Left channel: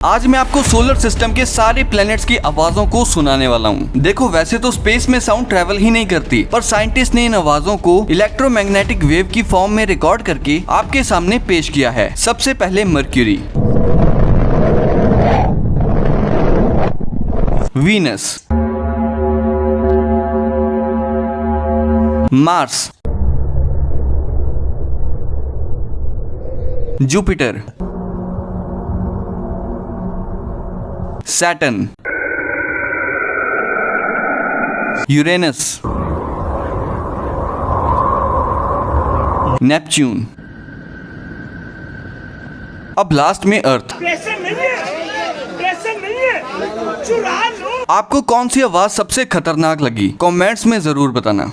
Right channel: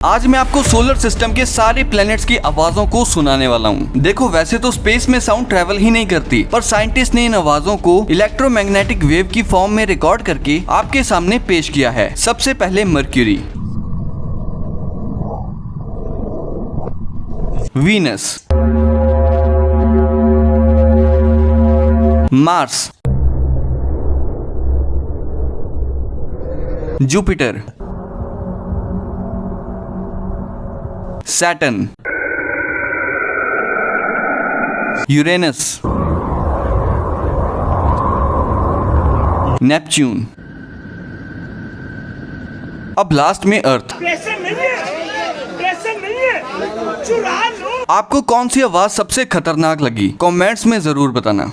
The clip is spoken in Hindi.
आज मैं आपको सोलर सिस्टम के सारे प्लैनेट्स की आवाजों को सुनाने वाला हूँ। देखो वैसे तो स्पेस में साउंड ट्रेवल ही नहीं करती, पर साइंटिस्ट ने इन आवाजों को इलेक्ट्रोमैग्नेटिक वेव की फॉर्म में रिकॉर्ड करके आपके सामने पेश किया है। सबसे पहले mercury, Venus, Mars, Jupiter, Saturn, Uranus, Neptune, अब लास्ट में अर्थ। प्रेशर नहीं है, चुरा लो। आपको कौन सी आवाज सबसे खतरनाक लगी? कमेंट्स में जरूर बताना।